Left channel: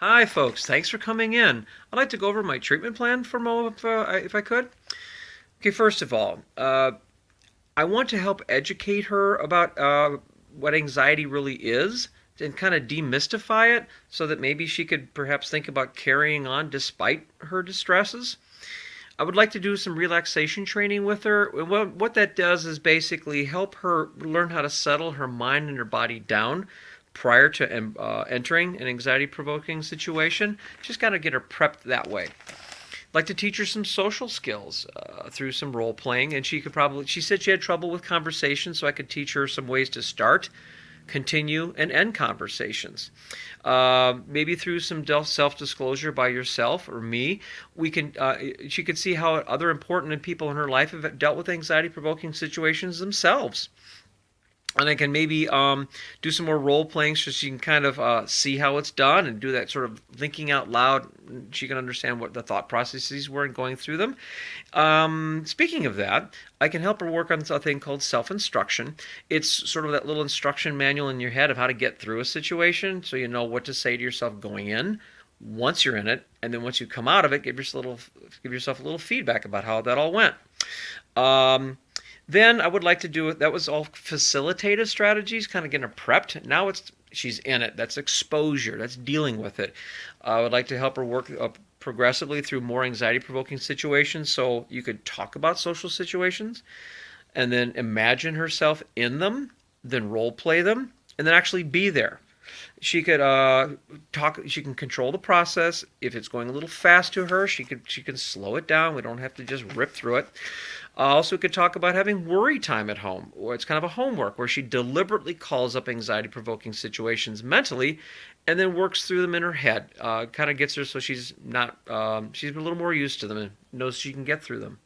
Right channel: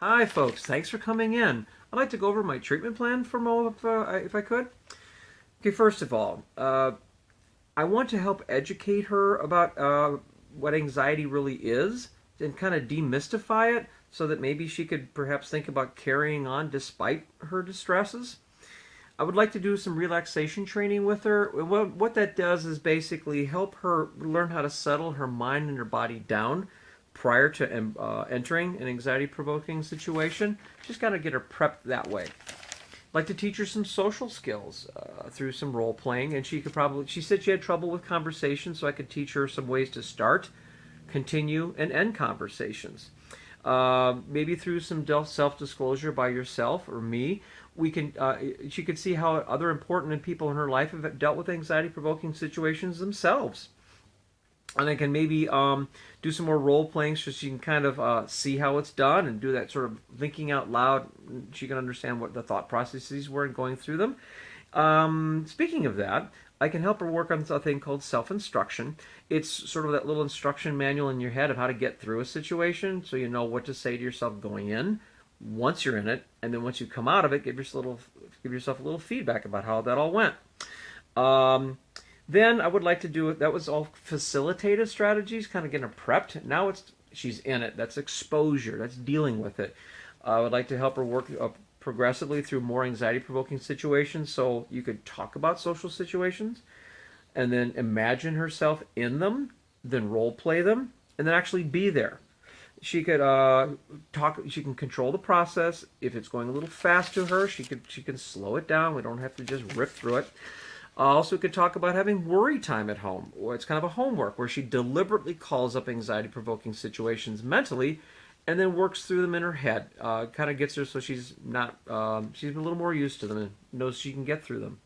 Hi, folks. Thanks for coming in. I'd like to go over my treatment plan for Mo if I could. Okay, first of all, I want to help educate her about what anxiety really is and kind of demystify it so that maybe she could perhaps think about carrying on despite her distresses. I would like to do some relaxation training with her. What that does is basically help her learn how to settle her mind and her body down prior to entering an anxiety provoking situation. Just got to get her prepped that way. I'd like to teach her some social skills through some role playing, and she said she had trouble with conversation, so I could teach her some ways to start, continue, and end conversations. Maybe through some self-disclosure by yourself or me, we can. She could see how other important people in her life have dealt with anxiety-provoking situations themselves, and I can maybe do some more role playing so she can kind of see how it's done and do that sort of thinking out loud. She can understand what the thought processes were and going through them. Speaking of that, I can help her work on a thing called self instruction. It's sort of that little instruction manual in your head of how to get through a situation so you know what to say to yourself going in, once you're in it, and then once you come out of it, give yourself a little feedback about how that all went. Um, then I would like to do it. That was all facilitative strategies, kind of getting her prepped. Now it's she's in it. That's exposure. That's dealing with it. I would like to help her work progressively through more anxiety-provoking situations, so you could talk about social situations, and then imagine herself in them, then role play them, and then actually be there. She could talk. She can control the process. If it's going a little fast to her, she can slow it down. We don't have to just rip through it. Also, we could talk about having worry time at home, or it's kind of a homework where she deliberately calls up anxiety provoking situations mentally and then works through them in her head. Kind of gets her so she's not, she's a little more used to them and knows she can get through them.